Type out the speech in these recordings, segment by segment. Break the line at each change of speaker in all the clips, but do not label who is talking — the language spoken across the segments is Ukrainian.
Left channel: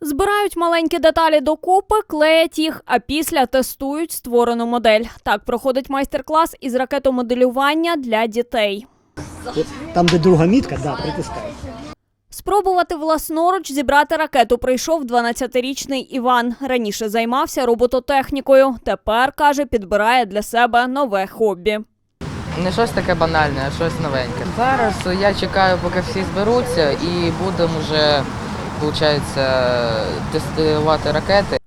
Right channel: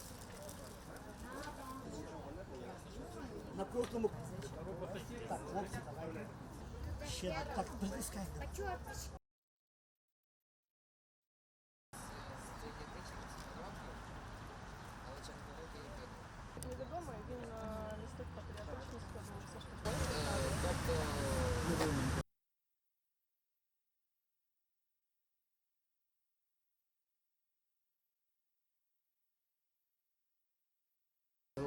Збирають маленькі деталі докупи, клеять їх, а після тестують створену модель. Так проходить майстер-клас із ракетомоделювання для дітей.
Там, де друга мітка, да, притискай.
Спробувати власноруч зібрати ракету прийшов 12-річний Іван. Раніше займався робототехнікою. Тепер каже, підбирає для себе нове хобі.
Не щось таке банальне, а щось новеньке. Зараз я чекаю, поки всі зберуться, і будемо вже, виходить, тестувати ракети.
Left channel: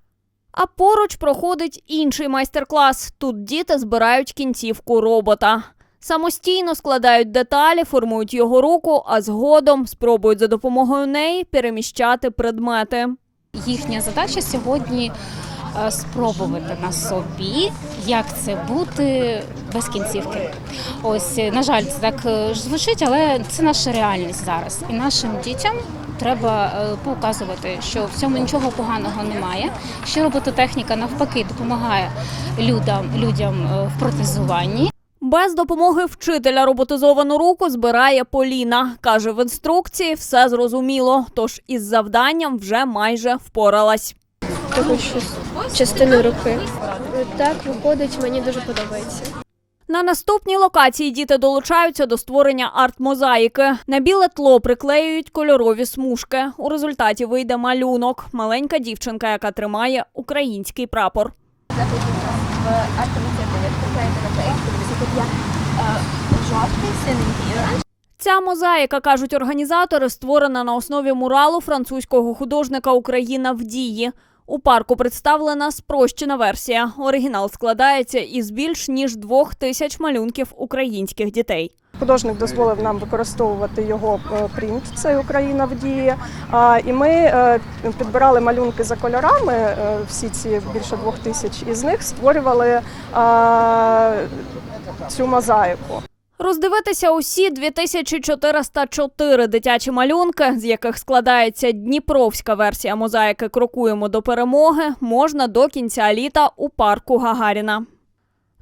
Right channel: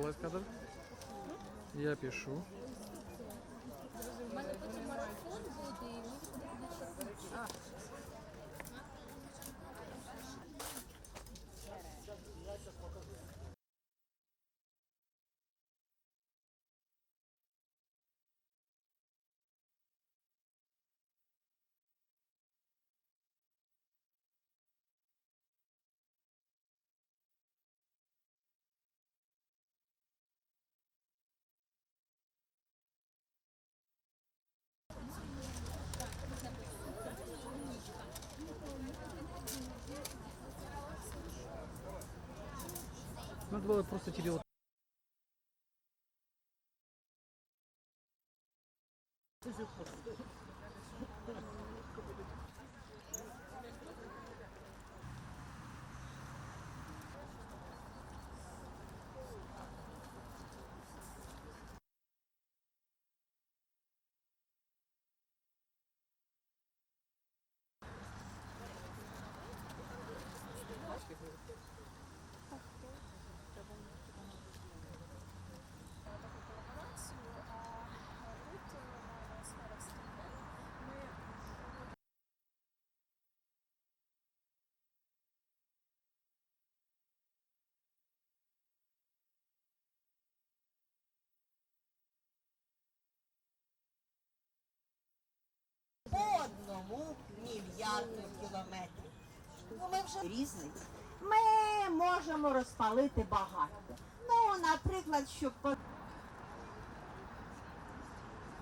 А поруч проходить інший майстер-клас. Тут діти збирають кінцівку робота. Самостійно складають деталі, формують його руку, а згодом спробують за допомогою неї переміщати предмети.
Їхня задача сьогодні е, спробувати на собі, як це бути без кінцівки. Ось, е, на жаль, це так е, звучить, але це наша реальність зараз. І нашим дітям треба е, показувати, що в цьому нічого поганого немає. Що робототехніка навпаки допомагає людям, людям е, в протезуванні.
Без допомоги вчителя роботизовану руку збирає Поліна. Каже, в інструкції все зрозуміло, тож із завданням вже майже впоралась.
таку щось частину руки. Так виходить, мені дуже подобається.
На наступній локації діти долучаються до створення арт-мозаїки. На біле тло приклеюють кольорові смужки. У результаті вийде малюнок. Маленька дівчинка, яка тримає український прапор. Ця мозаїка, кажуть організатори, створена на основі муралу французького художника Україна в дії. У парку представлена спрощена версія. Оригінал складається із більш ніж двох тисяч малюнків українських дітей.
Художник дозволив нам використовувати його е, принт, це Україна в дії. І ми е, підбирали малюнки за кольорами, е, всі ці більше двох тисяч із них створювали цю мозаїку.
Роздивитися усі 2404 дитячі малюнки, з яких складається дніпровська версія мозаїки Крокуємо до перемоги, можна до кінця літа у парку Гагаріна.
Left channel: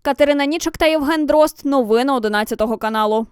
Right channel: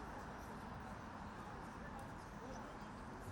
Катерина Нічик та Євген Дрозд. Новини 11 каналу.